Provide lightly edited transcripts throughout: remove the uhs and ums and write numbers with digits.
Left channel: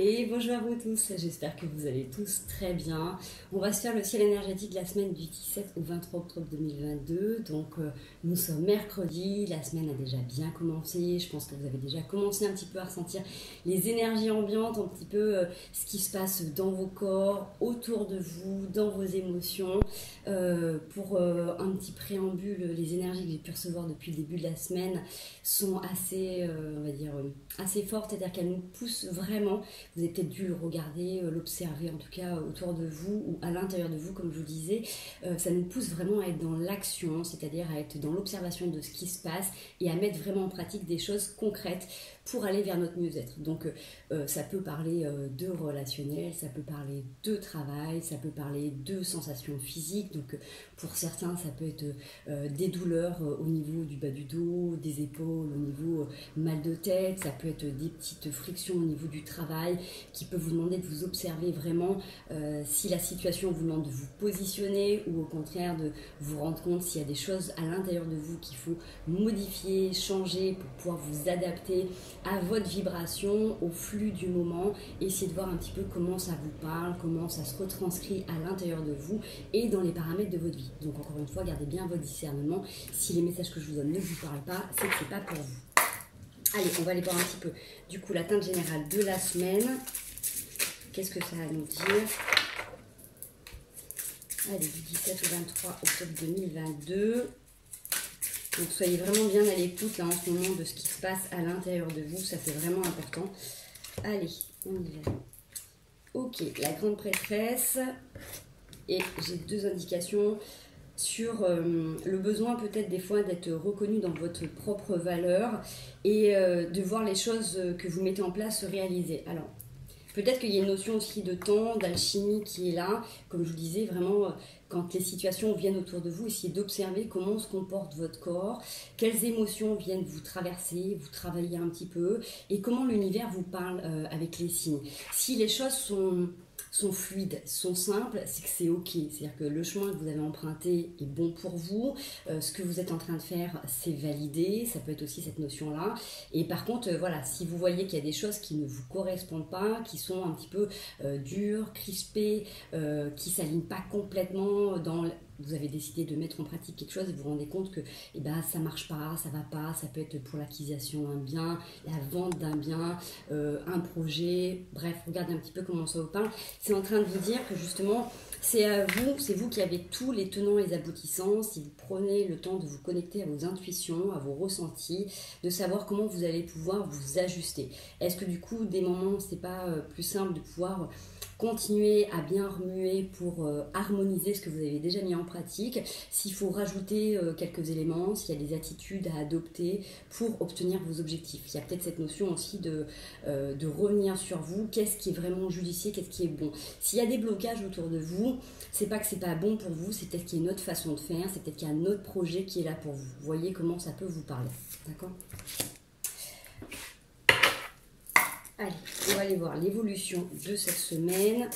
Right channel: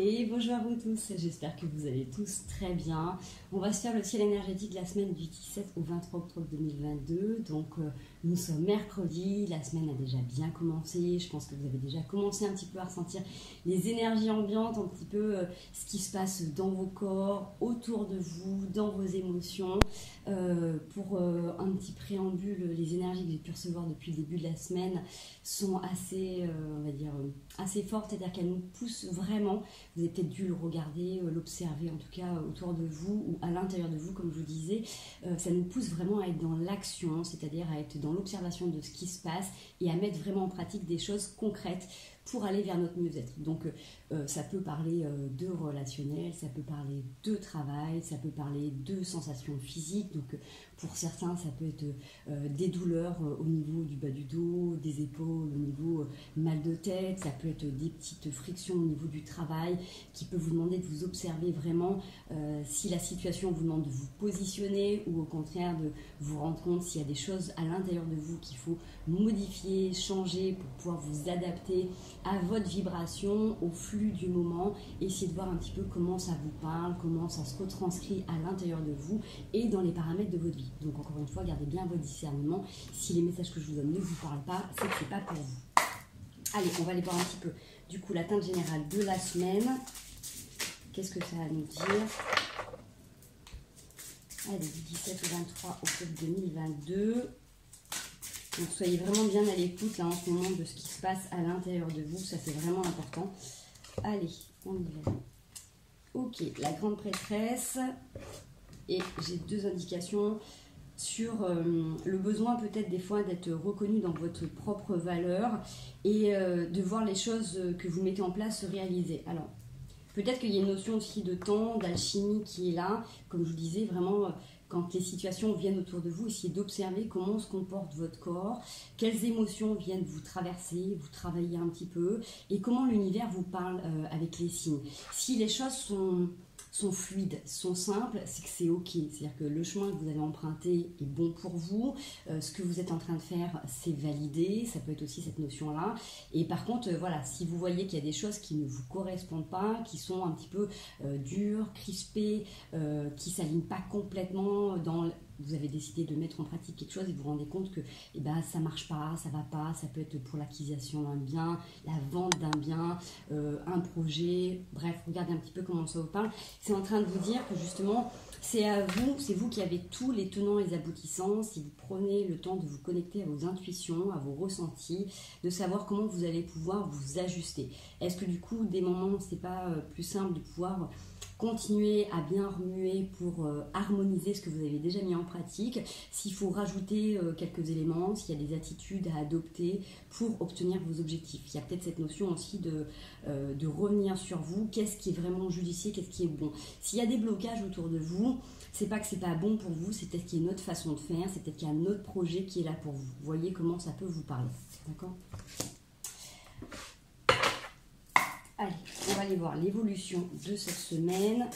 Et bonjour à vous tous, j'espère que vous allez tous très bien. On va se faire le ciel énergétique de la semaine du 17 au 23 octobre 2022. Donc nous sommes mercredi, la semaine a déjà bien commencé. Je pense que vous avez déjà commencé un petit peu à ressentir les énergies ambiantes, un petit peu ce qui se passe dans vos corps, autour de vous, dans vos émotions. Pour un petit préambule, les énergies que j'ai pu recevoir depuis le début de la semaine sont assez, on va dire, assez fortes, c'est-à-dire qu'elles nous poussent vraiment. Vous avez peut-être dû le regarder, l'observer en tout cas autour de vous ou à l'intérieur de vous, comme je vous disais. Ça nous pousse vraiment à être dans l'action, c'est-à-dire à être dans l'observation de ce qui se passe et à mettre vraiment en pratique des choses concrètes pour aller vers notre mieux-être. Donc ça peut parler de relationnel, ça peut parler de travail, ça peut parler de sensations physiques. Donc pour certains, ça peut être des douleurs au niveau du bas du dos, des épaules, au niveau mal de tête, ça peut être des petites frictions au niveau du travail qui peut vous demander de vous observer vraiment si la situation vous demande de vous positionner ou au contraire de vous rendre compte s'il y a des choses à l'intérieur de vous qu'il faut modifier, changer pour pouvoir vous adapter à votre vibration, au flux du moment, essayer de voir un petit peu comment ça vous parle, comment ça se retranscrit à l'intérieur de vous et dans les paramètres de votre vie. Donc encore une fois, gardez bien votre discernement. Si les messages que je vous donne ne vous parlent pas, c'est que c'est pas pour vous. Allez, on va aller voir un petit peu du coup la teinte générale de la semaine. Qu'est-ce que ça a à nous dire? Allez, du 17 au 23 octobre 2022. Donc soyez vraiment bien à l'écoute là en ce moment de ce qui se passe à l'intérieur de vous, ça c'est vraiment important. Allez, on y va. Ok, la grande prêtresse. Et j'ai deux indications sur le besoin peut-être des fois d'être reconnu dans votre propre valeur et de voir les choses que vous mettez en place se réaliser. Alors, peut-être qu'il y a une notion aussi de temps, d'alchimie qui est là. Comme je vous disais, vraiment, quand les situations viennent autour de vous, essayez d'observer comment se comporte votre corps, quelles émotions viennent vous traverser, vous travailler un petit peu, et comment l'univers vous parle avec les signes. Si les choses sont fluides, sont simples, c'est que c'est ok. C'est-à-dire que le chemin que vous avez emprunté est bon pour vous. Ce que vous êtes en train de faire, c'est validé. Ça peut être aussi cette notion-là. Et par contre, voilà, si vous voyez qu'il y a des choses qui ne vous correspondent pas, qui sont un petit peu dures, crispées, qui ne s'alignent pas complètement dans... Vous avez décidé de mettre en pratique quelque chose et vous vous rendez compte que ça ne marche pas, ça ne va pas, ça peut être pour l'acquisition d'un bien, la vente d'un bien, un projet, bref, regardez un petit peu comment ça vous parle. C'est en train de vous dire que justement, c'est vous qui avez tous les tenants et les aboutissants, si vous prenez le temps de vous connecter à vos intuitions, à vos ressentis, de savoir comment vous allez pouvoir vous ajuster. Est-ce que du coup, des moments, c'est pas plus simple de pouvoir continuer à bien remuer pour harmoniser ce que vous avez déjà mis en pratique, s'il faut rajouter quelques éléments, s'il y a des attitudes à adopter pour obtenir vos objectifs. Il y a peut-être cette notion aussi de revenir sur vous, qu'est-ce qui est vraiment judicieux, qu'est-ce qui est bon. S'il y a des blocages autour de vous, c'est pas que c'est pas bon pour vous, c'est peut-être qu'il y a une autre façon de faire, c'est peut-être qu'il y a un autre projet qui est là pour vous. Vous voyez comment ça peut vous parler, d'accord ? Allez, on va aller voir l'évolution de cette semaine,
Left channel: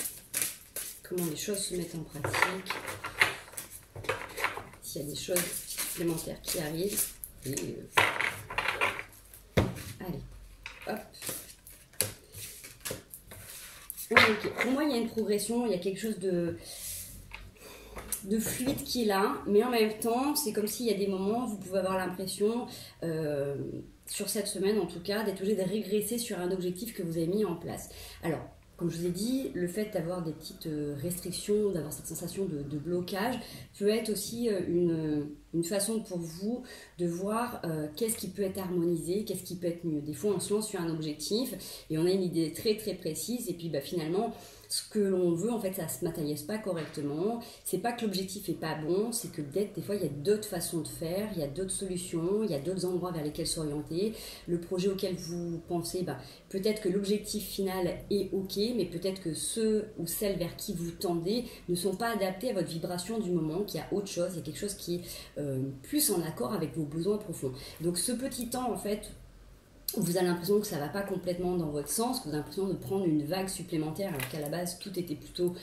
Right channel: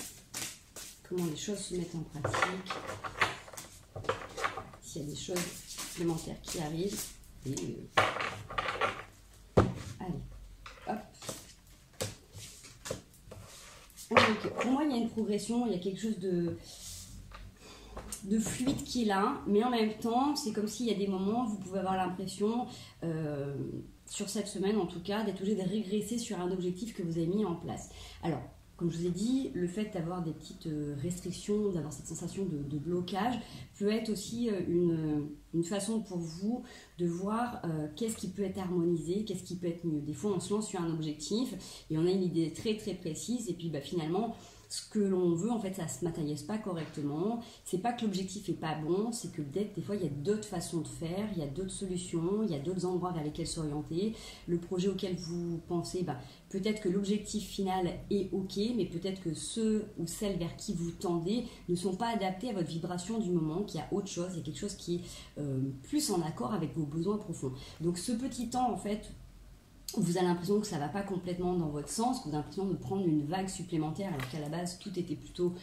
comment les choses se mettent en pratique, s'il y a des choses supplémentaires qui arrivent. Et allez, hop. Okay. Pour moi, il y a une progression, il y a quelque chose de fluide qui est là, mais en même temps, c'est comme s'il y a des moments où vous pouvez avoir l'impression... sur cette semaine en tout cas, d'être obligé de régresser sur un objectif que vous avez mis en place. Alors, comme je vous ai dit, le fait d'avoir des petites restrictions, d'avoir cette sensation de blocage, peut être aussi une façon pour vous de voir qu'est-ce qui peut être harmonisé, qu'est-ce qui peut être mieux. Des fois, on se lance sur un objectif et on a une idée très très précise et puis finalement, ce que l'on veut, en fait, ça ne se matérialise pas correctement. C'est pas que l'objectif n'est pas bon, c'est que peut-être des fois, il y a d'autres façons de faire, il y a d'autres solutions, il y a d'autres endroits vers lesquels s'orienter. Le projet auquel vous pensez, peut-être que l'objectif final est ok, mais peut-être que ceux ou celles vers qui vous tendez ne sont pas adaptés à votre vibration du moment, qu'il y a autre chose, il y a quelque chose qui est plus en accord avec vos besoins profonds. Donc ce petit temps, en fait, vous avez l'impression que ça ne va pas complètement dans votre sens, que vous avez l'impression de prendre une vague supplémentaire alors qu'à la base tout était plutôt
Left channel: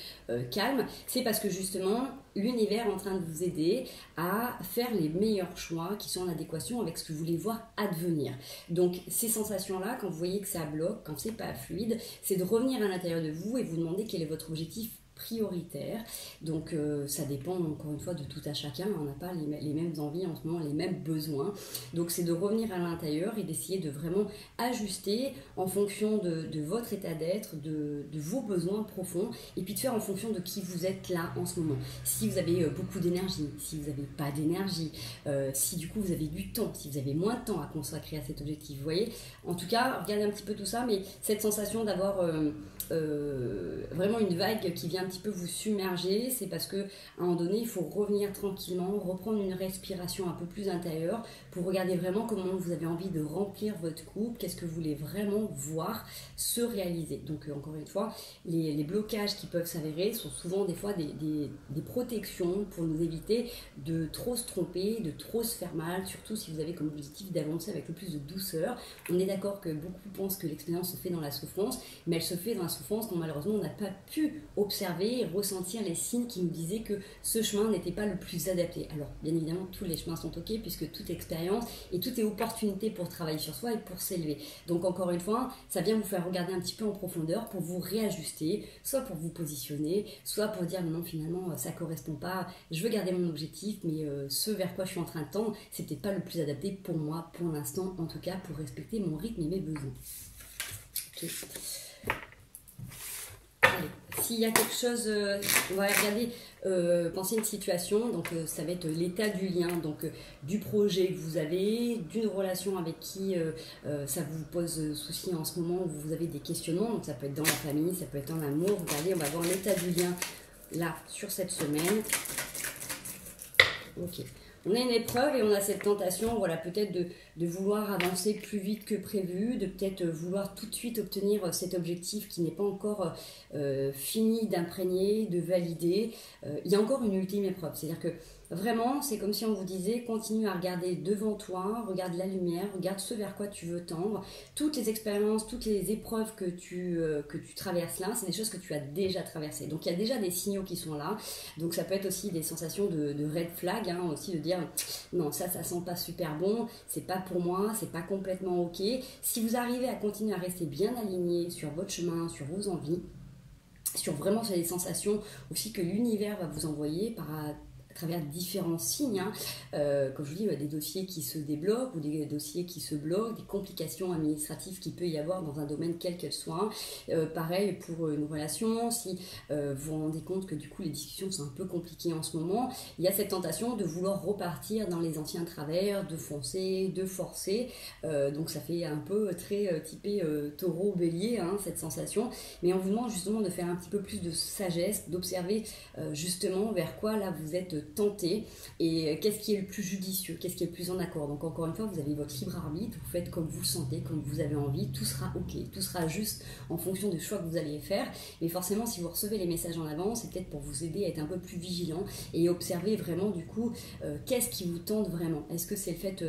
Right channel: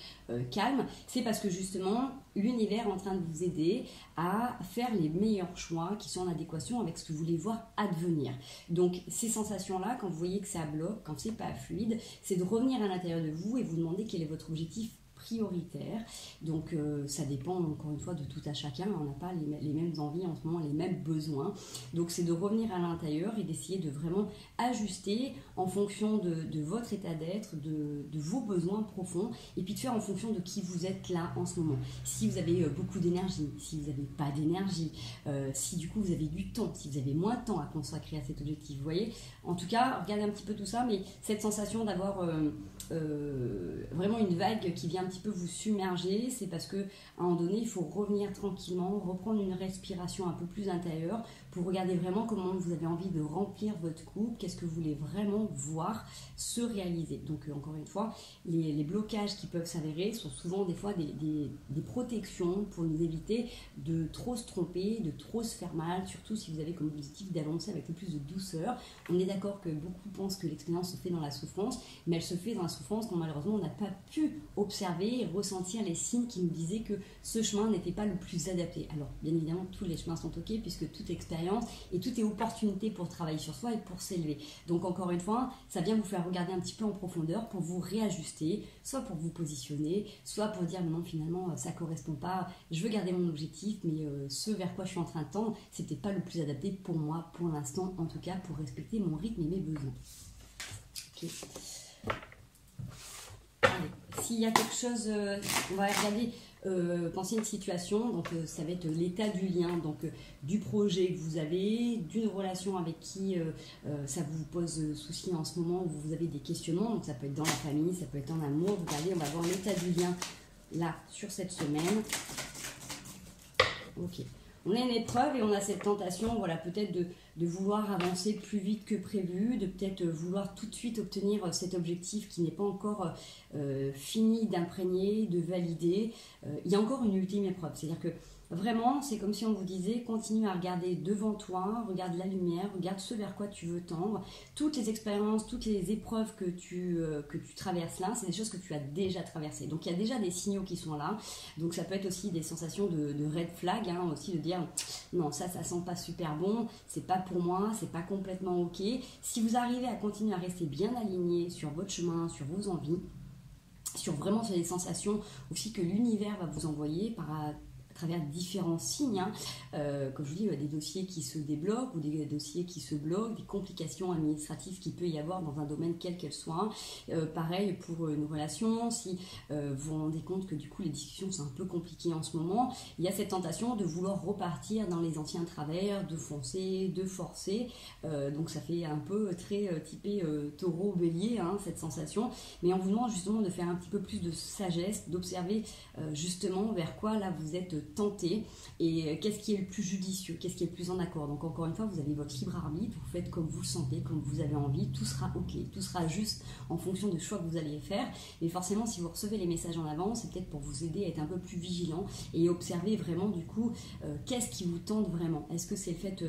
calme, c'est parce que justement l'univers est en train de vous aider à faire les meilleurs choix qui sont en adéquation avec ce que vous voulez voir advenir. Donc ces sensations-là, quand vous voyez que ça bloque, quand c'est pas fluide, c'est de revenir à l'intérieur de vous et vous demander quel est votre objectif prioritaire. Donc ça dépend encore une fois de tout à chacun, on n'a pas les mêmes envies en ce moment, les mêmes besoins. Donc c'est de revenir à l'intérieur et d'essayer de vraiment ajuster en fonction de votre état d'être, de vos besoins profonds, et puis de faire en fonction de qui vous êtes là en ce moment. Si vous avez beaucoup d'énergie, si vous n'avez pas d'énergie, si du coup vous avez du temps, si vous avez moins de temps à consacrer à cet objectif, vous voyez. En tout cas, regardez un petit peu tout ça, mais cette sensation d'avoir vraiment une vague qui vient un petit peu vous submerger, c'est parce que à un moment donné, il faut revenir tranquillement, reprendre une respiration un peu plus intérieure pour regarder vraiment comment vous avez envie de remplir votre coupe, qu'est-ce que vous voulez vraiment voir se réaliser. Donc encore une fois, les blocages qui peuvent s'avérer sont souvent des fois des protections pour nous éviter de trop se tromper, de trop se faire mal, surtout si vous avez comme objectif d'avancer avec le plus de douceur. On est d'accord que beaucoup pensent que l'expérience se fait dans la souffrance, mais elle se fait dans la souffrance quand malheureusement on n'a pas pu observer et ressentir les signes qui nous disaient que ce chemin n'était pas le plus adapté. Alors bien évidemment tous les chemins sont ok puisque toute expérience et tout est opportunité pour travailler sur soi et pour s'élever. Donc encore une fois, ça vient vous faire regarder un petit peu en profondeur pour vous réajuster, soit pour vous positionner, soit pour dire non finalement ça correspond pas, je veux garder mon objectif mais ce vers quoi je suis en train de tendre, c'est peut-être pas le plus adapté pour moi pour l'instant, en tout cas pour respecter mon rythme et mes besoins. Ok. S'il y a quelque chose, on va regarder, penser une situation, donc ça va être l'état du lien, donc du projet que vous avez, d'une relation avec qui ça vous pose souci en ce moment, où vous avez des questionnements, donc ça peut être dans la famille, ça peut être en amour. Regardez, on va voir l'état du lien là sur cette semaine. Ok. On a une épreuve et on a cette tentation, voilà, peut-être de vouloir avancer plus vite que prévu, de peut-être vouloir tout de suite obtenir cet objectif qui n'est pas encore fini d'imprégner, de valider. Il y a encore une ultime épreuve, c'est-à-dire que vraiment, c'est comme si on vous disait, continue à regarder devant toi, regarde la lumière, regarde ce vers quoi tu veux tendre. Toutes les expériences, toutes les épreuves que tu traverses là, c'est des choses que tu as déjà traversées. Donc il y a déjà des signaux qui sont là. Donc ça peut être aussi des sensations de red flag, hein, aussi de dire non, ça sent pas super bon, c'est pas pour moi, c'est pas complètement ok. Si vous arrivez à continuer à rester bien aligné sur votre chemin, sur vos envies, sur vraiment sur les sensations aussi que l'univers va vous envoyer à travers différents signes, hein. Comme je vous dis, des dossiers qui se débloquent ou des dossiers qui se bloquent, des complications administratives qu'il peut y avoir dans un domaine quel qu'elle soit. Pareil pour une relation, si vous vous rendez compte que du coup les discussions sont un peu compliquées en ce moment, il y a cette tentation de vouloir repartir dans les anciens travers, de foncer, de forcer. Donc ça fait un peu très typé taureau-bélier, hein, cette sensation. Mais on vous demande justement de faire un petit peu plus de sagesse, d'observer justement vers quoi là vous êtes tenté et qu'est-ce qui est le plus judicieux, qu'est-ce qui est le plus en accord. Donc encore une fois, vous avez votre libre arbitre, vous faites comme vous le sentez, comme vous avez envie, tout sera ok, tout sera juste en fonction des choix que vous allez faire. Mais forcément, si vous recevez les messages en avance, c'est peut-être pour vous aider à être un peu plus vigilant et observer vraiment du coup qu'est-ce qui vous tente vraiment. Est-ce que c'est le fait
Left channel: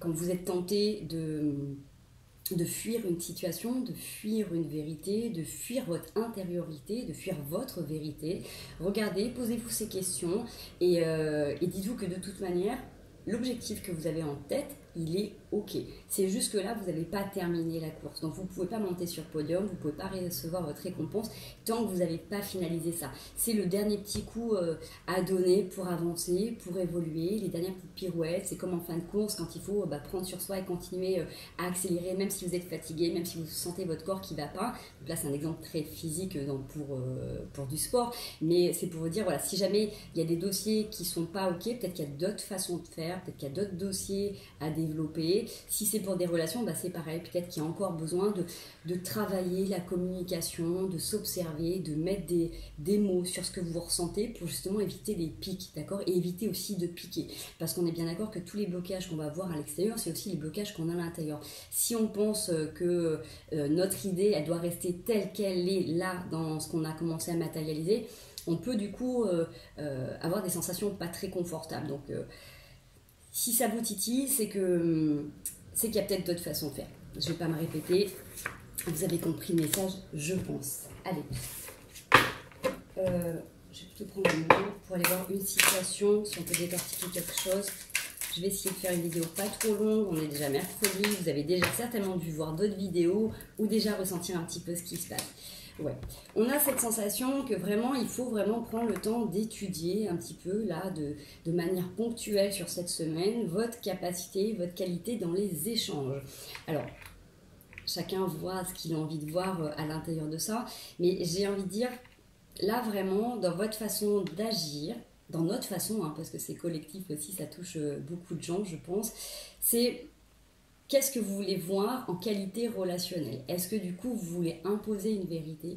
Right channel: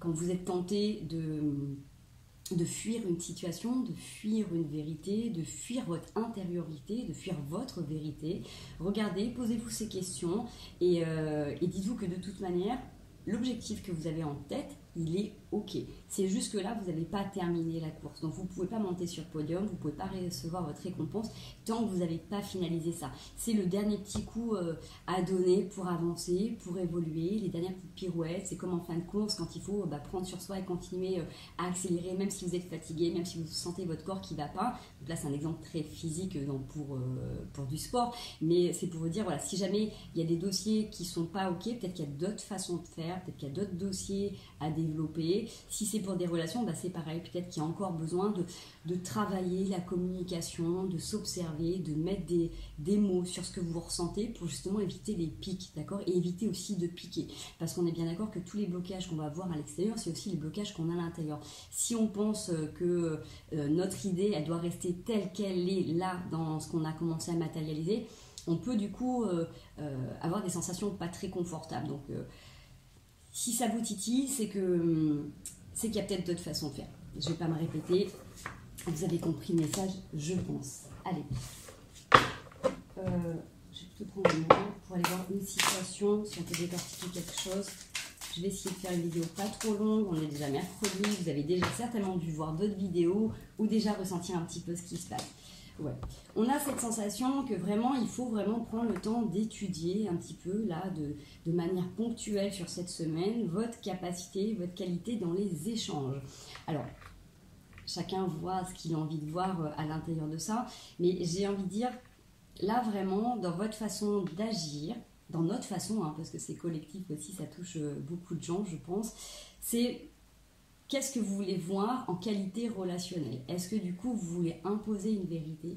quand vous êtes tenté de fuir une situation, de fuir une vérité, de fuir votre intériorité, de fuir votre vérité. Regardez, posez-vous ces questions et dites-vous que de toute manière, l'objectif que vous avez en tête, il est ok. C'est juste que là, vous n'avez pas terminé la course. Donc, vous ne pouvez pas monter sur le podium, vous ne pouvez pas recevoir votre récompense tant que vous n'avez pas finalisé ça. C'est le dernier petit coup à donner pour avancer, pour évoluer, les dernières petites pirouettes. C'est comme en fin de course, quand il faut prendre sur soi et continuer à accélérer, même si vous êtes fatigué, même si vous sentez votre corps qui ne va pas. Donc là, c'est un exemple très physique pour du sport. Mais c'est pour vous dire, voilà, si jamais il y a des dossiers qui ne sont pas ok, peut-être qu'il y a d'autres façons de faire, peut-être qu'il y a d'autres dossiers à développer. Si c'est pour des relations, c'est pareil, peut-être qu'il y a encore besoin de travailler la communication, de s'observer, de mettre des mots sur ce que vous ressentez pour justement éviter les pics, d'accord, et éviter aussi de piquer, parce qu'on est bien d'accord que tous les blocages qu'on va voir à l'extérieur, c'est aussi les blocages qu'on a à l'intérieur. Si on pense que notre idée, elle doit rester telle qu'elle est là dans ce qu'on a commencé à matérialiser, on peut du coup avoir des sensations pas très confortables. Donc si ça vous titille, c'est qu'il y a peut-être d'autres façons de faire. je ne vais pas me répéter. Vous avez compris le message, je pense. Allez. Je vais plutôt prendre le moment pour aller voir une situation, si on peut décortiquer quelque chose. Je vais essayer de faire une vidéo pas trop longue. On est déjà mercredi. Vous avez déjà certainement dû voir d'autres vidéos ou déjà ressentir un petit peu ce qui se passe. Ouais. On a cette sensation que vraiment, il faut vraiment prendre le temps d'étudier un petit peu, là, de manière ponctuelle sur cette semaine, votre capacité, votre qualité dans les échanges. Alors, chacun voit ce qu'il a envie de voir à l'intérieur de ça, mais j'ai envie de dire, là, vraiment, dans votre façon d'agir, dans notre façon, hein, parce que c'est collectif aussi, ça touche beaucoup de gens, je pense, c'est... Qu'est-ce que vous voulez voir en qualité relationnelle? Est-ce que du coup, vous voulez imposer une vérité?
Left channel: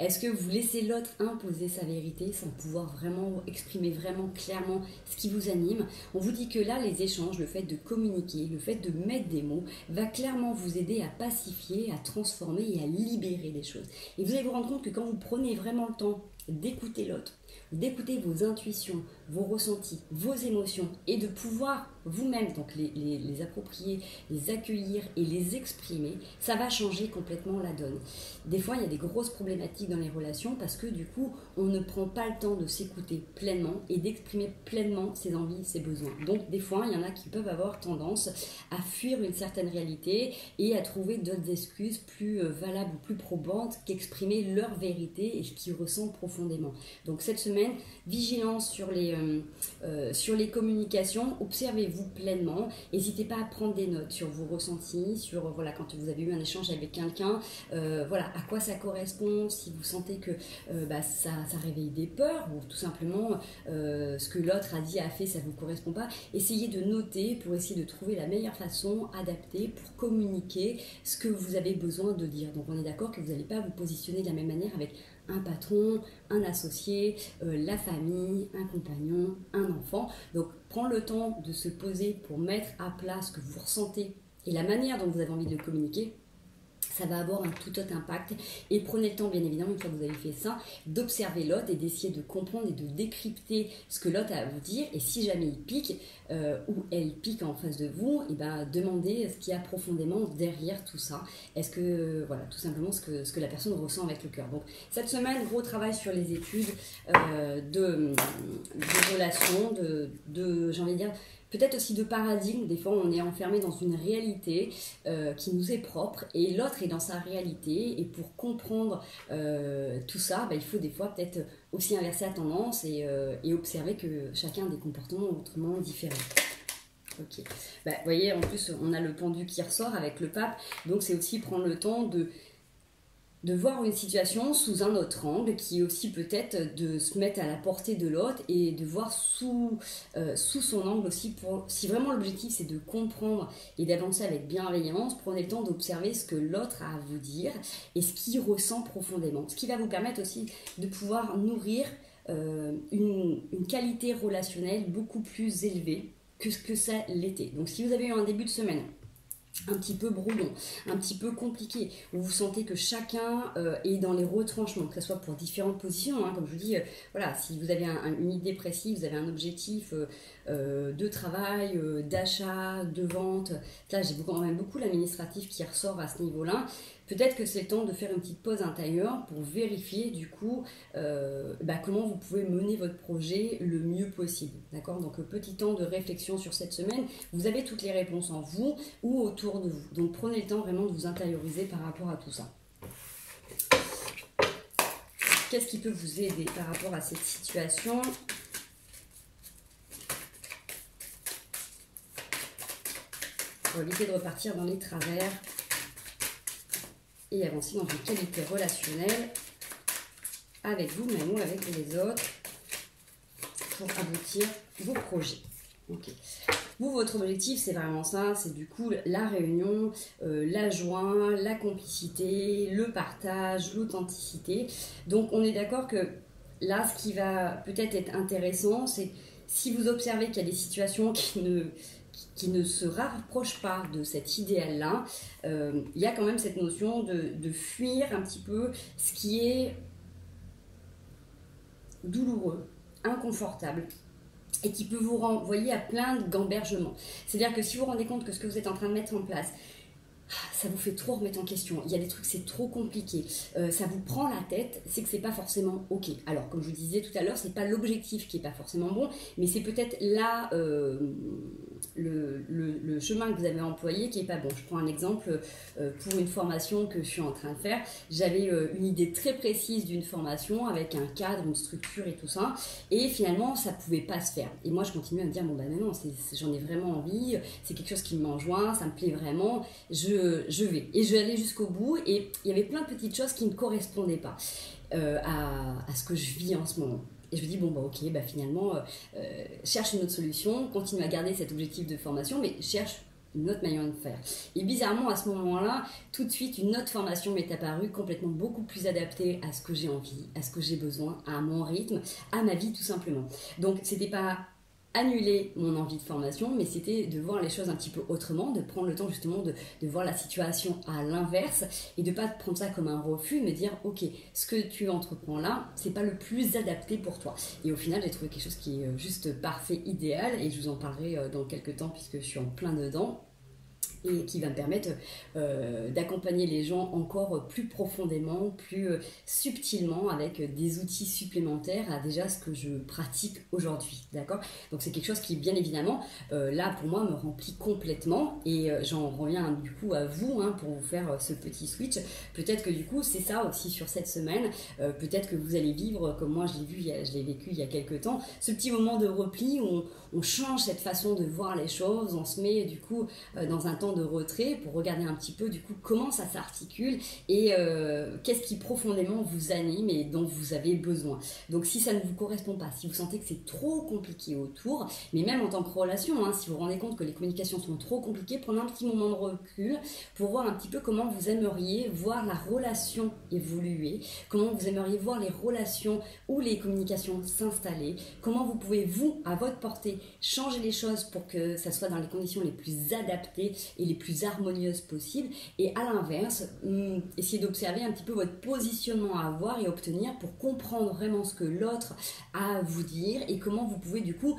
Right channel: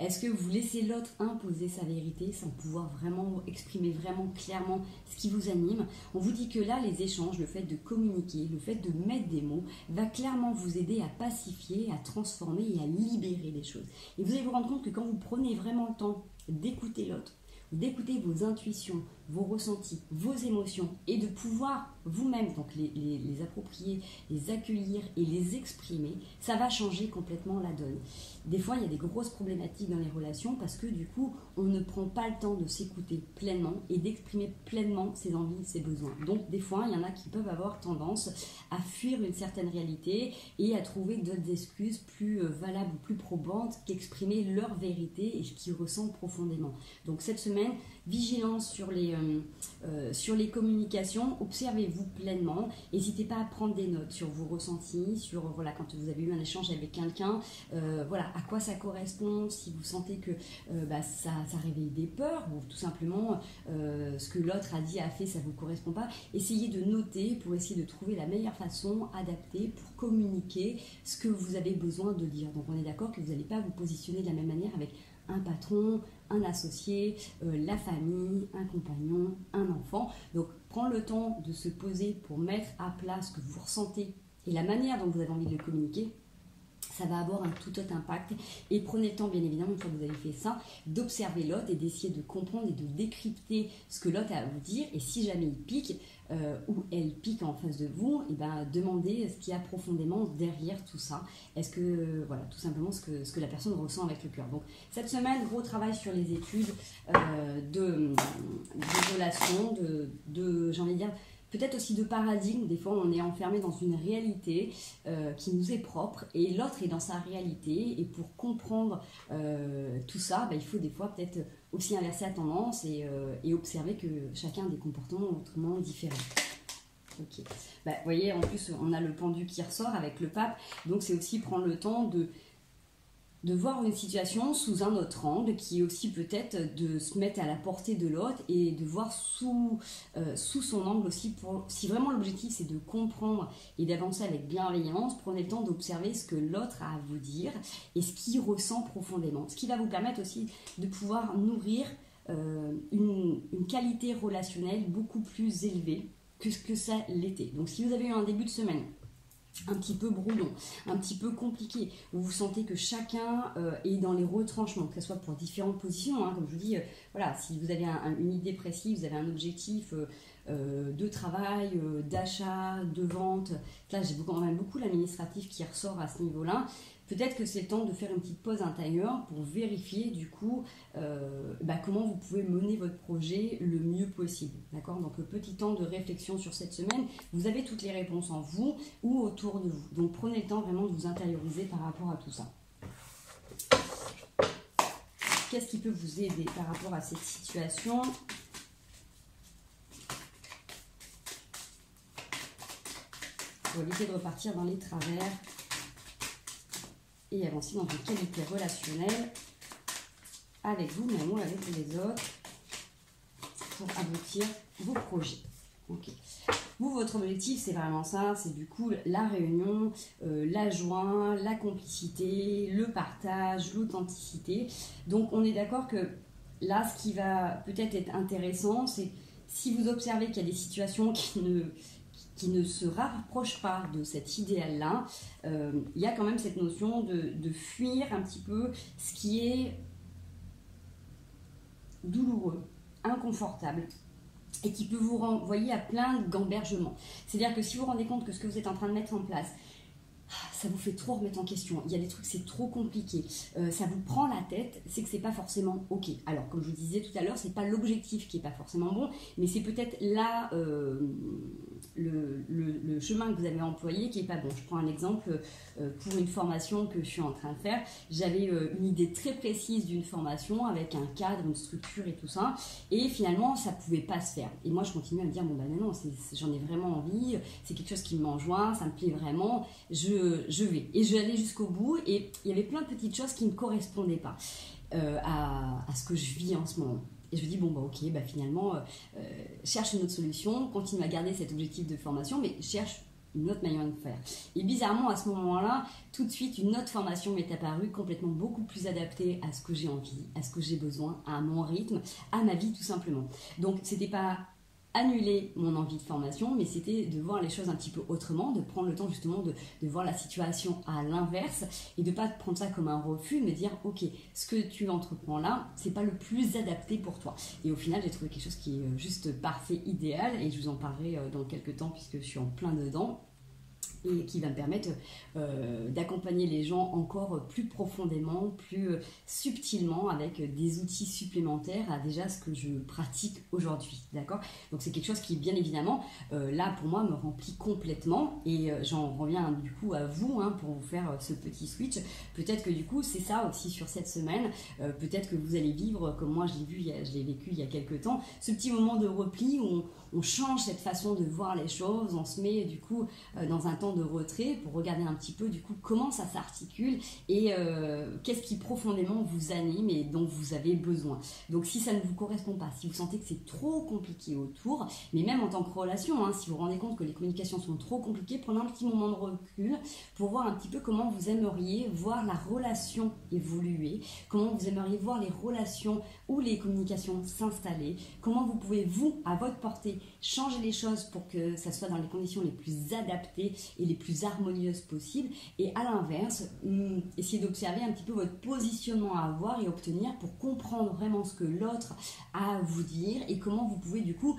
Est-ce que vous laissez l'autre imposer sa vérité sans pouvoir vraiment exprimer vraiment clairement ce qui vous anime? On vous dit que là, les échanges, le fait de communiquer, le fait de mettre des mots, va clairement vous aider à pacifier, à transformer et à libérer des choses. Et vous allez vous rendre compte que quand vous prenez vraiment le temps d'écouter l'autre, d'écouter vos intuitions, vos ressentis, vos émotions et de pouvoir vous-même donc les approprier, les accueillir et les exprimer, ça va changer complètement la donne. Des fois, il y a des grosses problématiques dans les relations parce que du coup, on ne prend pas le temps de s'écouter pleinement et d'exprimer pleinement ses envies, ses besoins. Donc, des fois, il y en a qui peuvent avoir tendance à fuir une certaine réalité et à trouver d'autres excuses plus valables ou plus probantes qu'exprimer leur vérité et ce qu'ils ressentent profondément. Donc, cette semaine, vigilance sur les communications, observez-vous pleinement, n'hésitez pas à prendre des notes sur vos ressentis, sur voilà, quand vous avez eu un échange avec quelqu'un, voilà, à quoi ça correspond, si vous sentez que ça réveille des peurs, ou tout simplement ce que l'autre a dit, a fait, ça ne vous correspond pas, essayez de noter pour essayer de trouver la meilleure façon adaptée pour communiquer ce que vous avez besoin de dire. Donc on est d'accord que vous n'allez pas vous positionner de la même manière avec un patron, un associé, la famille, un compagnon, un enfant. Donc, prendre le temps de se poser pour mettre à plat ce que vous ressentez et la manière dont vous avez envie de le communiquer, ça va avoir un tout autre impact. Et prenez le temps, bien évidemment, une fois que vous avez fait ça, d'observer l'autre et d'essayer de comprendre et de décrypter ce que l'autre a à vous dire. Et si jamais il pique ou elle pique en face de vous, et ben, demandez ce qu'il y a profondément derrière tout ça. Est-ce que, voilà, tout simplement ce que la personne ressent avec le cœur. Donc, cette semaine, gros travail sur les études de relations, j'ai envie de dire, peut-être aussi de paradigme. Des fois, on est enfermé dans une réalité qui nous est propre et l'autre est dans sa réalité. Et pour comprendre tout ça, il faut des fois peut-être aussi inverser la tendance et observer que chacun a des comportements autrement différents. Ok. Vous voyez, en plus, on a le pendu qui ressort avec le pape. Donc, c'est aussi prendre le temps de voir une situation sous un autre angle, qui est aussi peut-être de se mettre à la portée de l'autre et de voir sous son angle aussi. Si vraiment l'objectif c'est de comprendre et d'avancer avec bienveillance, prenez le temps d'observer ce que l'autre a à vous dire et ce qu'il ressent profondément. Ce qui va vous permettre aussi de pouvoir nourrir une qualité relationnelle beaucoup plus élevée que ce que ça l'était. Donc si vous avez eu un début de semaine un petit peu brouillon, un petit peu compliqué, où vous sentez que chacun est dans les retranchements, que ce soit pour différentes positions, hein, comme je vous dis, voilà, si vous avez une idée précise, vous avez un objectif de travail, d'achat, de vente, là j'ai quand même beaucoup l'administratif qui ressort à ce niveau-là, peut-être que c'est le temps de faire une petite pause intérieure pour vérifier du coup comment vous pouvez mener votre projet le mieux possible. D'accord? Donc petit temps de réflexion sur cette semaine. Vous avez toutes les réponses en vous ou autour de vous. Donc prenez le temps vraiment de vous intérioriser par rapport à tout ça. Qu'est-ce qui peut vous aider par rapport à cette situation ? Pour éviter de repartir dans les travers et avancer dans une qualité relationnelle avec vous-même ou avec les autres pour aboutir vos projets. Ok. Vous, votre objectif, c'est vraiment ça, c'est du coup la réunion, la joie, la complicité, le partage, l'authenticité. Donc, on est d'accord que là, ce qui va peut-être être intéressant, c'est si vous observez qu'il y a des situations qui ne se rapprochent pas de cet idéal-là, il y a quand même cette notion de fuir un petit peu ce qui est douloureux, inconfortable, et qui peut vous renvoyer à plein de gambergements. C'est-à-dire que si vous vous rendez compte que ce que vous êtes en train de mettre en place, ça vous fait trop remettre en question, il y a des trucs c'est trop compliqué, ça vous prend la tête, c'est que c'est pas forcément ok. Alors comme je vous disais tout à l'heure, c'est pas l'objectif qui est pas forcément bon, mais c'est peut-être là le chemin que vous avez employé qui est pas bon. Je prends un exemple pour une formation que je suis en train de faire. J'avais une idée très précise d'une formation avec un cadre, une structure et tout ça, et finalement ça pouvait pas se faire. Et moi je continue à me dire bon bah non, j'en ai vraiment envie, c'est quelque chose qui m'enjoint, ça me plaît vraiment, je vais. Et je vais aller jusqu'au bout, et il y avait plein de petites choses qui ne correspondaient pas à ce que je vis en ce moment. Et je me dis, bon, bah ok, bah finalement, cherche une autre solution, continue à garder cet objectif de formation, mais cherche une autre manière de faire. Et bizarrement, à ce moment-là, tout de suite, une autre formation m'est apparue, complètement beaucoup plus adaptée à ce que j'ai envie, à ce que j'ai besoin, à mon rythme, à ma vie tout simplement. Donc, c'était pas annuler mon envie de formation, mais c'était de voir les choses un petit peu autrement, de prendre le temps justement de voir la situation à l'inverse et de pas prendre ça comme un refus, mais dire ok, ce que tu entreprends là, c'est pas le plus adapté pour toi. Et au final, j'ai trouvé quelque chose qui est juste parfait, idéal, et je vous en parlerai dans quelques temps puisque je suis en plein dedans, et qui va me permettre d'accompagner les gens encore plus profondément, plus subtilement, avec des outils supplémentaires à déjà ce que je pratique aujourd'hui, d'accord? Donc c'est quelque chose qui, bien évidemment, là pour moi me remplit complètement, et j'en reviens du coup à vous pour vous faire ce petit switch. Peut-être que du coup c'est ça aussi sur cette semaine, peut-être que vous allez vivre comme moi je l'ai vécu il y a quelques temps, ce petit moment de repli où on change cette façon de voir les choses, on se met du coup dans un temps de retrait pour regarder un petit peu du coup comment ça s'articule et qu'est-ce qui profondément vous anime et dont vous avez besoin. Donc si ça ne vous correspond pas, si vous sentez que c'est trop compliqué autour, mais même en tant que relation, si vous vous rendez compte que les communications sont trop compliquées, prenez un petit moment de recul pour voir un petit peu comment vous aimeriez voir la relation évoluer, comment vous aimeriez voir les relations ou les communications s'installer, comment vous pouvez vous, à votre portée, changer les choses pour que ça soit dans les conditions les plus adaptées et les plus harmonieuses possibles, et à l'inverse, essayez d'observer un petit peu votre positionnement à avoir et obtenir pour comprendre vraiment ce que l'autre a à vous dire et comment vous pouvez du coup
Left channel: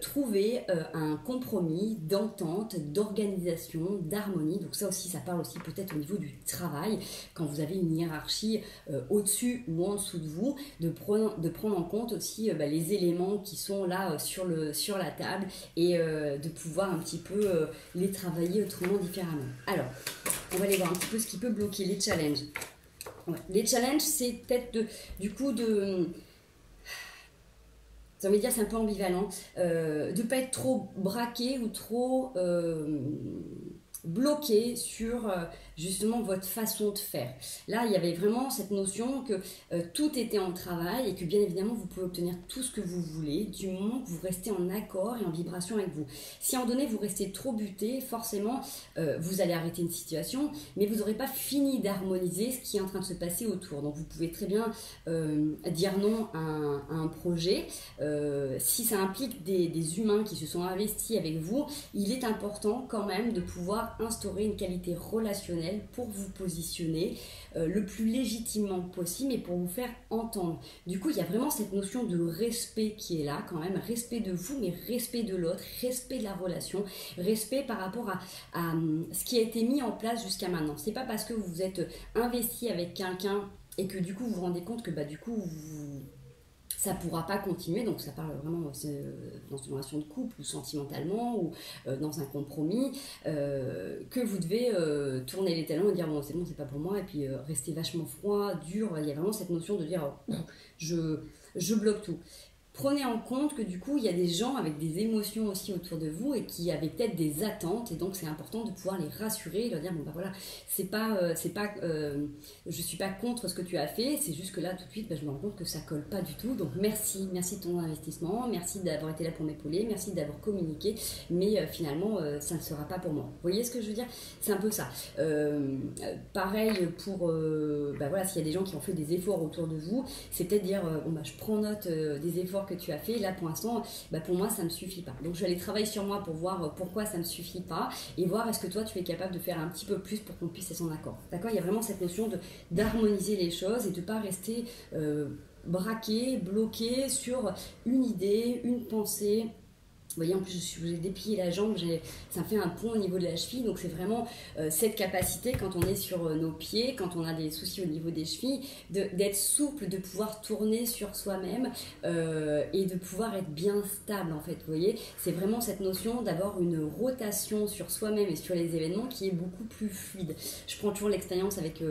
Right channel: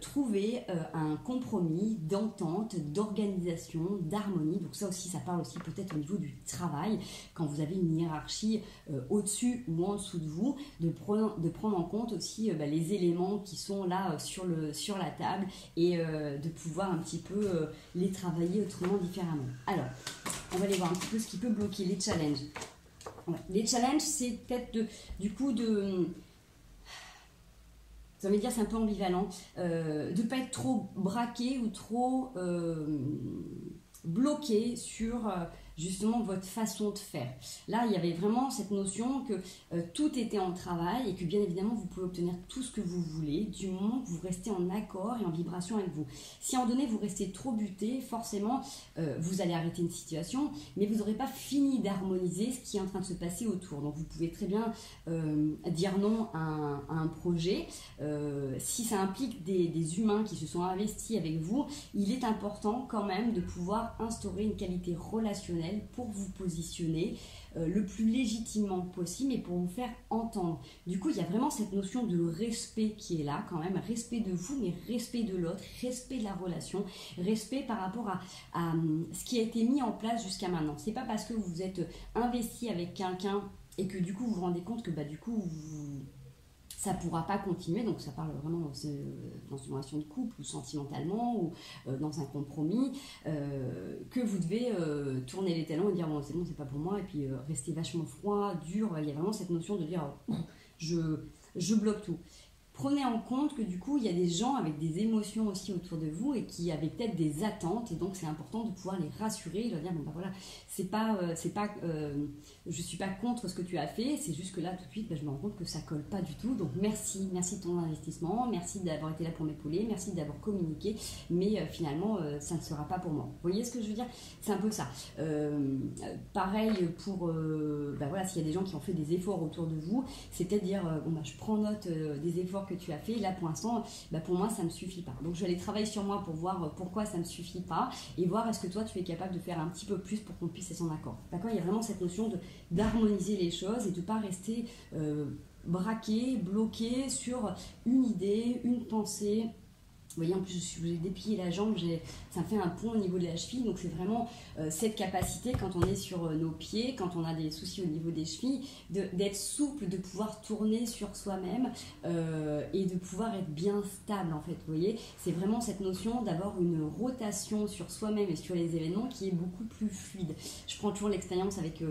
trouver un compromis d'entente, d'organisation, d'harmonie. Donc ça aussi, ça parle aussi peut-être au niveau du travail, quand vous avez une hiérarchie au-dessus ou en dessous de vous, de prendre en compte aussi les éléments qui sont là sur la table et de pouvoir un petit peu les travailler autrement, différemment. Alors, on va aller voir un petit peu ce qui peut bloquer les challenges. Ouais. Les challenges, c'est peut-être ça veut dire c'est un peu ambivalent, de ne pas être trop braqué ou trop bloqué sur justement votre façon de faire. Là, il y avait vraiment cette notion que tout était en travail et que bien évidemment, vous pouvez obtenir tout ce que vous voulez du moment que vous restez en accord et en vibration avec vous. Si à un moment donné, vous restez trop buté, forcément, vous allez arrêter une situation, mais vous n'aurez pas fini d'harmoniser ce qui est en train de se passer autour. Donc, vous pouvez très bien dire non à un projet. Si ça implique des humains qui se sont investis avec vous, il est important quand même de pouvoir instaurer une qualité relationnelle pour vous positionner le plus légitimement possible et pour vous faire entendre. Du coup, il y a vraiment cette notion de respect qui est là quand même, respect de vous, mais respect de l'autre, respect de la relation, respect par rapport à ce qui a été mis en place jusqu'à maintenant. C'est pas parce que vous vous êtes investi avec quelqu'un et que du coup vous vous rendez compte que du coup ça ne pourra pas continuer, donc ça parle vraiment dans une relation de couple ou sentimentalement ou dans un compromis, que vous devez tourner les talons et dire bon c'est pas pour moi, et puis rester vachement froid, dur. Il y a vraiment cette notion de dire je bloque tout. Prenez en compte que du coup il y a des gens avec des émotions aussi autour de vous et qui avaient peut-être des attentes, et donc c'est important de pouvoir les rassurer et leur dire bon voilà, je suis pas contre ce que tu as fait, c'est juste que là tout de suite je me rends compte que ça colle pas du tout, donc merci de ton investissement, merci d'avoir été là pour m'épauler, merci d'avoir communiqué, mais finalement ça ne sera pas pour moi. Vous voyez ce que je veux dire? C'est un peu ça. Pareil pour s'il y a des gens qui ont fait des efforts autour de vous, c'est peut-être dire je prends note des efforts que tu as fait, là pour l'instant pour moi ça me suffit pas, donc je vais aller travailler sur moi pour voir pourquoi ça me suffit pas et voir est-ce que toi tu es capable de faire un petit peu plus pour qu'on puisse être en accord, d'accord? Il y a vraiment cette notion d'harmoniser les choses et de pas rester braqué, bloqué sur une idée, une pensée, voyez, en plus, je vous ai déplié la jambe, ça me fait un pont au niveau de la cheville. Donc, c'est vraiment cette capacité, quand on est sur nos pieds, quand on a des soucis au niveau des chevilles, d'être souple, de pouvoir tourner sur soi-même et de pouvoir être bien stable, en fait. Vous voyez, c'est vraiment cette notion d'avoir une rotation sur soi-même et sur les événements qui est beaucoup plus fluide. Je prends toujours l'expérience avec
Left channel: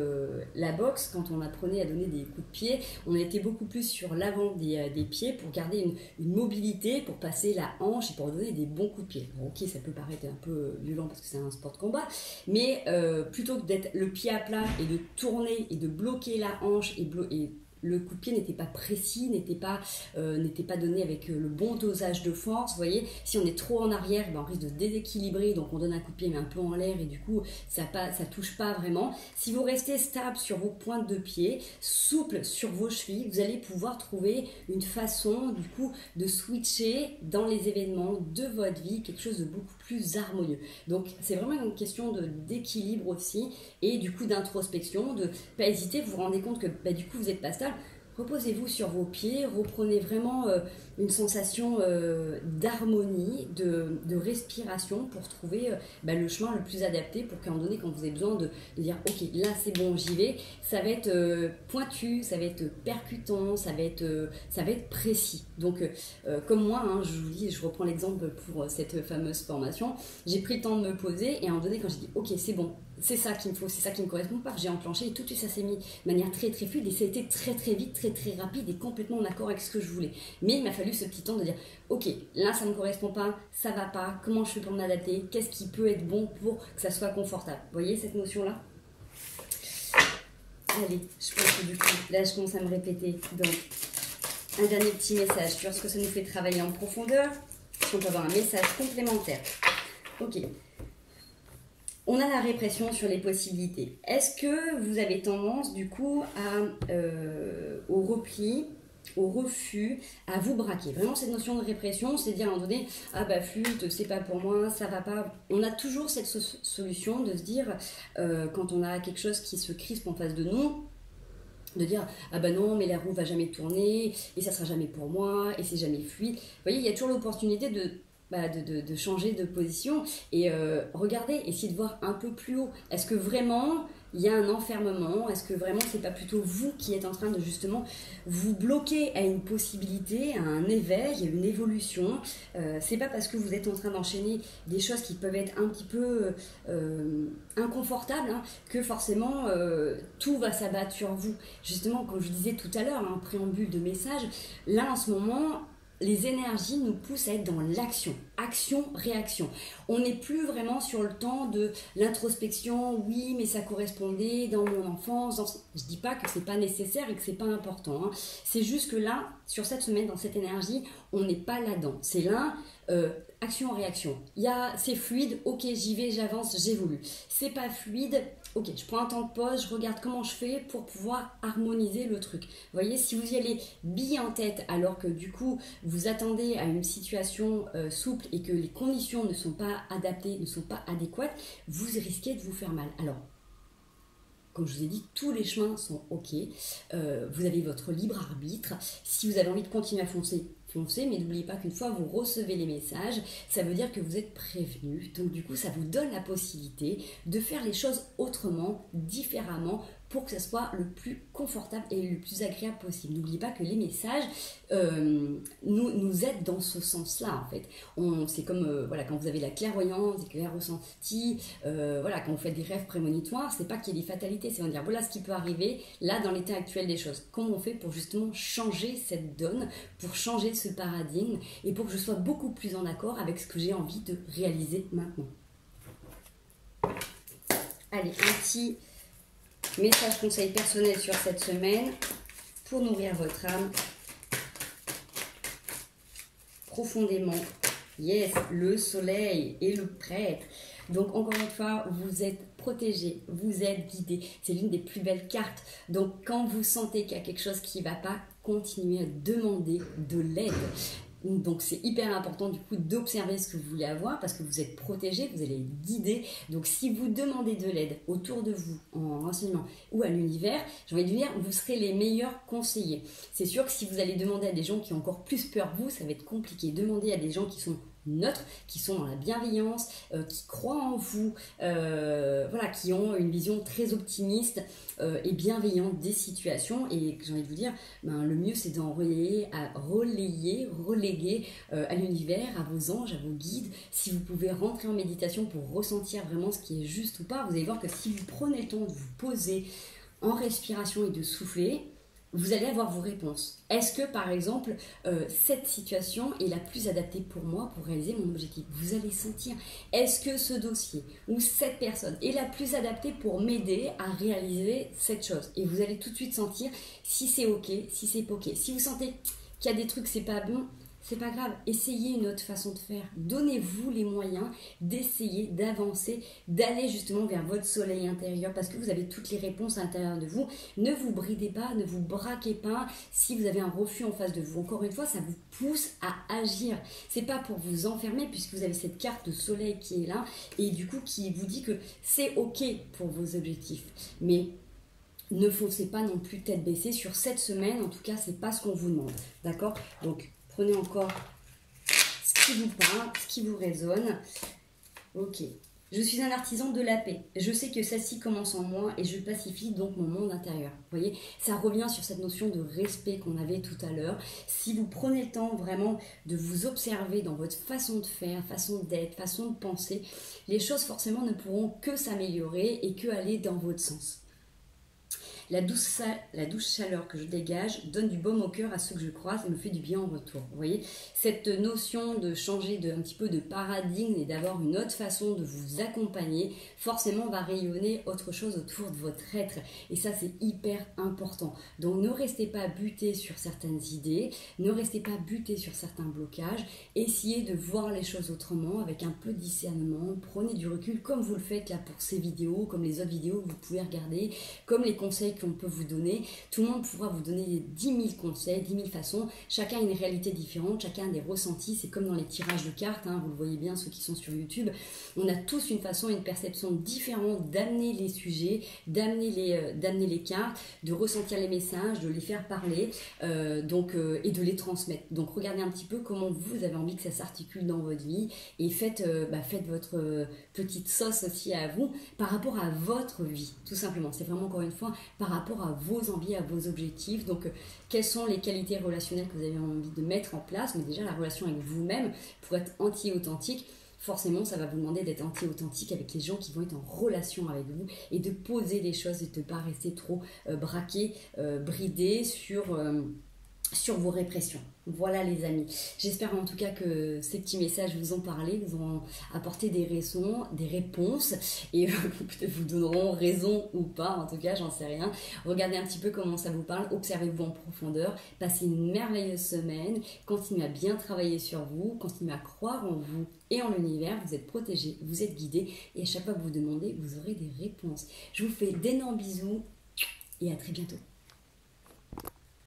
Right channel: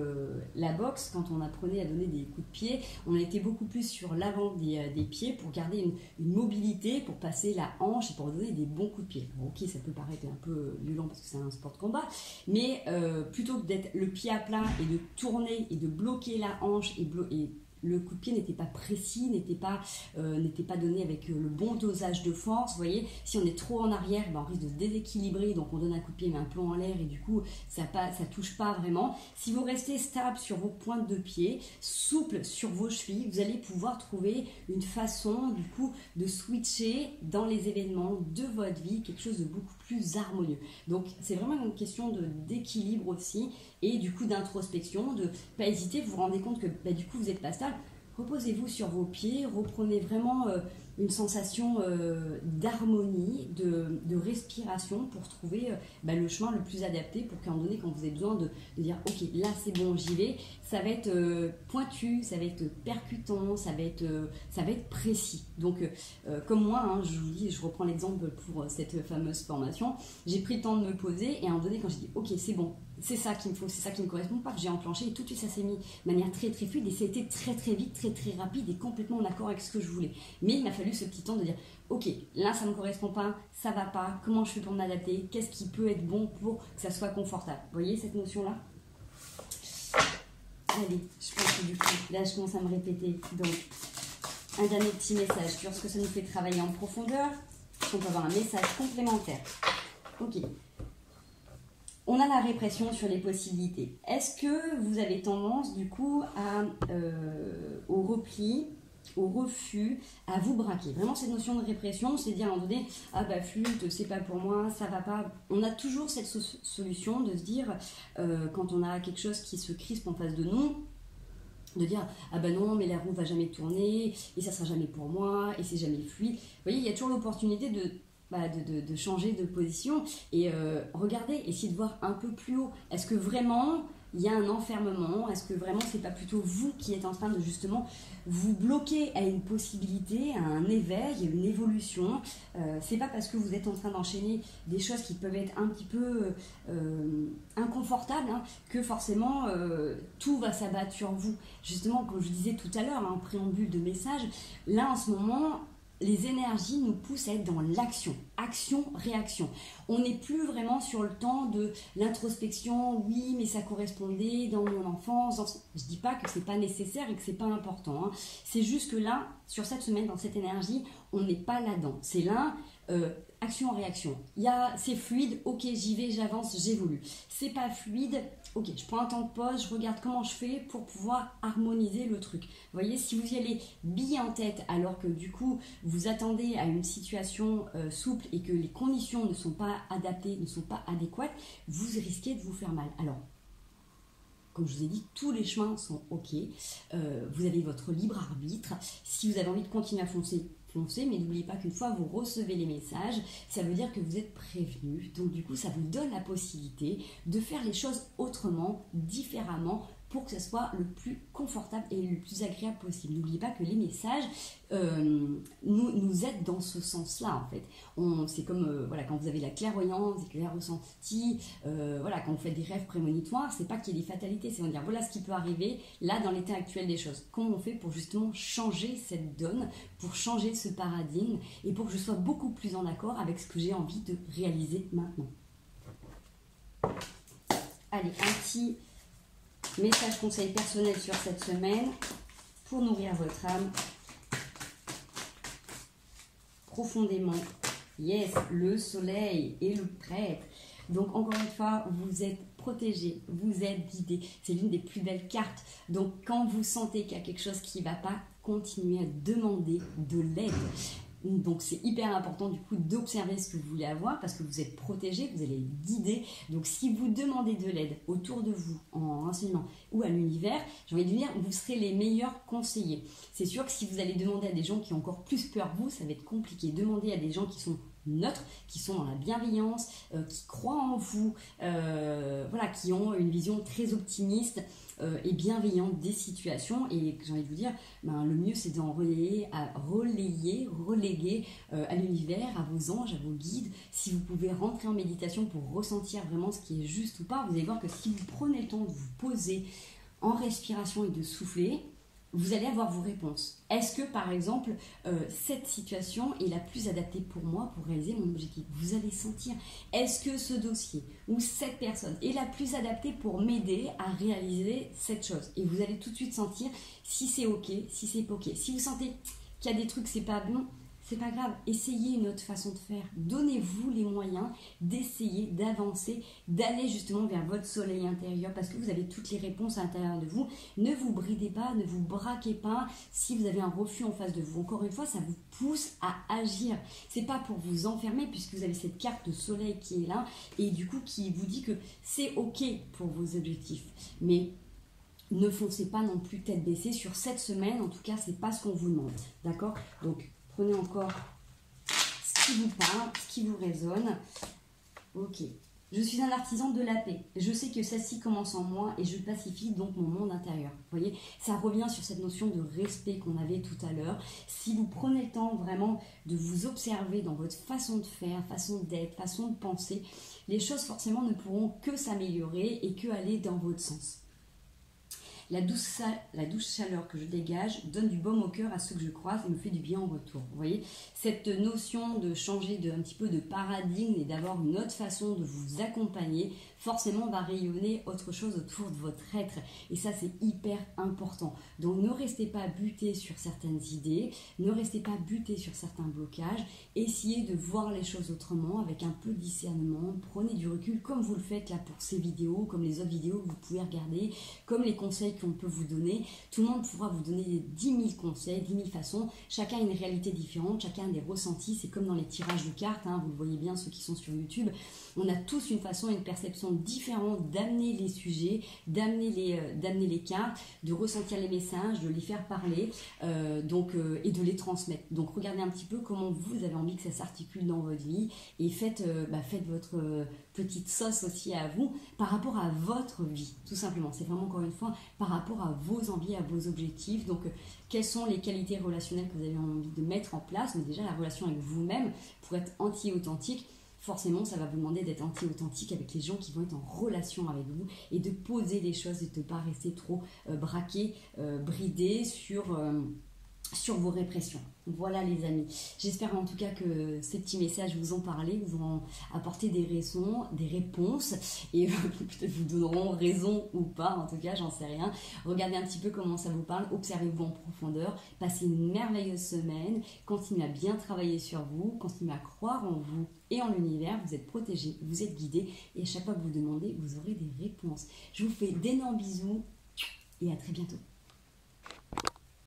la boxe. Quand on apprenait à donner des coups de pied, on était beaucoup plus sur l'avant des pieds pour garder une mobilité, pour passer la hanche, pour donner des bons coups de pied. Bon, ok, ça peut paraître un peu violent parce que c'est un sport de combat, mais plutôt que d'être le pied à plat et de tourner et de bloquer la hanche et le coup de pied n'était pas précis, n'était pas donné avec le bon dosage de force. Vous voyez, si on est trop en arrière, ben on risque de déséquilibrer, donc on donne un coup de pied mais un peu en l'air et du coup ça touche pas vraiment. Si vous restez stable sur vos pointes de pied, souple sur vos chevilles, vous allez pouvoir trouver une façon du coup de switcher dans les événements de votre vie, quelque chose de beaucoup plus harmonieux. Donc c'est vraiment une question d'équilibre aussi et du coup d'introspection, de pas hésiter, vous vous rendez compte que du coup vous n'êtes pas stable. Reposez-vous sur vos pieds, reprenez vraiment une sensation d'harmonie, de respiration pour trouver le chemin le plus adapté pour qu'à un moment donné, quand vous avez besoin de dire ok, là c'est bon, j'y vais, ça va être pointu, ça va être percutant, ça va être précis. Donc comme moi, hein, je vous dis, je reprends l'exemple pour cette fameuse formation, j'ai pris le temps de me poser et à un moment donné, quand j'ai dit ok, c'est bon, c'est ça qu'il me faut, c'est ça qui me correspond pas, j'ai enclenché et tout de suite ça s'est mis de manière très très fluide et ça a été très très vite, très très rapide et complètement en accord avec ce que je voulais. Mais il m'a fallu ce petit temps de dire ok, là ça me correspond pas, ça va pas, comment je fais pour m'adapter, qu'est-ce qui peut être bon pour que ça soit confortable. Vous voyez cette notion là? Allez, je pense que du coup là je commence à me répéter. Donc un dernier petit message sur ce que ça nous fait travailler en profondeur, si on peut avoir un message complémentaire. Ok. On a la répression sur les possibilités. Est-ce que vous avez tendance du coup au repli, au refus, à vous braquer? Vraiment cette notion de répression, c'est dire à un moment donné, ah bah flûte, c'est pas pour moi, ça va pas. On a toujours cette solution de se dire, quand on a quelque chose qui se crispe en face de nous, de dire ah bah non mais la roue va jamais tourner et ça sera jamais pour moi et c'est jamais fluide. Vous voyez, il y a toujours l'opportunité de changer de position et regardez, essayez de voir un peu plus haut. Est-ce que vraiment il y a un enfermement? Est-ce que vraiment c'est pas plutôt vous qui êtes en train de justement vous bloquer à une possibilité, à un éveil, à une évolution? C'est pas parce que vous êtes en train d'enchaîner des choses qui peuvent être un petit peu inconfortables hein, que forcément tout va s'abattre sur vous. Justement, comme je disais tout à l'heure, en préambule de message, là en ce moment les énergies nous poussent à être dans l'action, action-réaction. On n'est plus vraiment sur le temps de l'introspection, oui, mais ça correspondait dans mon enfance. Je ne dis pas que ce n'est pas nécessaire et que ce n'est pas important. Hein. C'est juste que là, sur cette semaine, dans cette énergie, on n'est pas là-dedans. C'est là, action-réaction. C'est fluide, ok, j'y vais, j'avance, j'évolue. C'est pas fluide, ok, je prends un temps de pause, je regarde comment je fais pour pouvoir harmoniser le truc. Vous voyez, si vous y allez bille en tête alors que du coup vous attendez à une situation souple et que les conditions ne sont pas adaptées, ne sont pas adéquates, vous risquez de vous faire mal. Alors, comme je vous ai dit, tous les chemins sont ok. Vous avez votre libre arbitre. Si vous avez envie de continuer à foncer, mais n'oubliez pas qu'une fois vous recevez les messages, ça veut dire que vous êtes prévenu. Donc du coup, ça vous donne la possibilité de faire les choses autrement, différemment, pour que ce soit le plus confortable et le plus agréable possible. N'oubliez pas que les messages nous aident dans ce sens-là, en fait. C'est comme quand vous avez la clairvoyance, des clairs ressentis, quand vous faites des rêves prémonitoires, c'est pas qu'il y ait des fatalités, c'est de dire voilà ce qui peut arriver là dans l'état actuel des choses. Comment on fait pour justement changer cette donne, pour changer ce paradigme et pour que je sois beaucoup plus en accord avec ce que j'ai envie de réaliser maintenant. Allez, un petit message conseil personnel sur cette semaine pour nourrir votre âme profondément. Yes, le soleil et le prêtre. Donc encore une fois, vous êtes protégé, vous êtes guidé. C'est l'une des plus belles cartes. Donc quand vous sentez qu'il y a quelque chose qui ne va pas, continuez à demander de l'aide. Donc c'est hyper important du coup d'observer ce que vous voulez avoir parce que vous êtes protégé, vous allez être guidé. Donc si vous demandez de l'aide autour de vous en renseignement ou à l'univers, j'ai envie de dire, vous serez les meilleurs conseillers. C'est sûr que si vous allez demander à des gens qui ont encore plus peur que vous, ça va être compliqué. Demandez à des gens qui sont neutres, qui sont dans la bienveillance, qui croient en vous, voilà, qui ont une vision très optimiste et bienveillante des situations. Et j'ai envie de vous dire, ben, le mieux c'est d'en reléguer à l'univers, à vos anges, à vos guides. Si vous pouvez rentrer en méditation pour ressentir vraiment ce qui est juste ou pas, vous allez voir que si vous prenez le temps de vous poser en respiration et de souffler, vous allez avoir vos réponses. Est-ce que, par exemple, cette situation est la plus adaptée pour moi pour réaliser mon objectif? Vous allez sentir, est-ce que ce dossier ou cette personne est la plus adaptée pour m'aider à réaliser cette chose? Et vous allez tout de suite sentir si c'est OK, si c'est pas OK. Si vous sentez qu'il y a des trucs, c'est pas bon, c'est pas grave, essayez une autre façon de faire. Donnez-vous les moyens d'essayer, d'avancer, d'aller justement vers votre soleil intérieur parce que vous avez toutes les réponses à l'intérieur de vous. Ne vous bridez pas, ne vous braquez pas si vous avez un refus en face de vous. Encore une fois, ça vous pousse à agir. C'est pas pour vous enfermer puisque vous avez cette carte de soleil qui est là et du coup qui vous dit que c'est OK pour vos objectifs. Mais ne foncez pas non plus tête baissée sur cette semaine. En tout cas, c'est pas ce qu'on vous demande. D'accord? Donc, prenez encore ce qui vous parle, ce qui vous résonne. Ok. Je suis un artisan de la paix. Je sais que celle-ci commence en moi et je pacifie donc mon monde intérieur. Vous voyez, ça revient sur cette notion de respect qu'on avait tout à l'heure. Si vous prenez le temps vraiment de vous observer dans votre façon de faire, façon d'être, façon de penser, les choses forcément ne pourront que s'améliorer et que aller dans votre sens. La douce chaleur que je dégage donne du baume au cœur à ceux que je croise et me fait du bien en retour. Vous voyez, cette notion de changer un petit peu de paradigme et d'avoir une autre façon de vous accompagner, forcément va rayonner autre chose autour de votre être. Et ça, c'est hyper important. Donc, ne restez pas buté sur certaines idées, ne restez pas buté sur certains blocages. Essayez de voir les choses autrement, avec un peu de discernement. Prenez du recul, comme vous le faites là pour ces vidéos, comme les autres vidéos que vous pouvez regarder, comme les conseils qu'on peut vous donner. Tout le monde pourra vous donner 10 000 conseils, 10 000 façons. Chacun a une réalité différente, chacun a des ressentis. C'est comme dans les tirages de cartes, hein, vous le voyez bien, ceux qui sont sur YouTube. On a tous une façon et une perception différente d'amener les sujets, d'amener les cartes, de ressentir les messages, de les faire parler et de les transmettre. Donc regardez un petit peu comment vous avez envie que ça s'articule dans votre vie et faites votre petite sauce aussi à vous par rapport à votre vie, tout simplement. C'est vraiment encore une fois par rapport à vos envies, à vos objectifs. Donc, quelles sont les qualités relationnelles que vous avez envie de mettre en place? Mais déjà, la relation avec vous-même, pour être anti-authentique, forcément, ça va vous demander d'être anti-authentique avec les gens qui vont être en relation avec vous et de poser les choses et de ne pas rester trop braqué, bridé sur vos répressions. Voilà les amis, j'espère en tout cas que ces petits messages vous ont parlé, vous ont apporté des raisons, des réponses et peut-être vous donneront raison ou pas, en tout cas j'en sais rien. Regardez un petit peu comment ça vous parle, observez-vous en profondeur, passez une merveilleuse semaine, continuez à bien travailler sur vous, continuez à croire en vous et en l'univers, vous êtes protégés, vous êtes guidés et à chaque fois que vous demandez, vous aurez des réponses. Je vous fais d'énormes bisous et à très bientôt.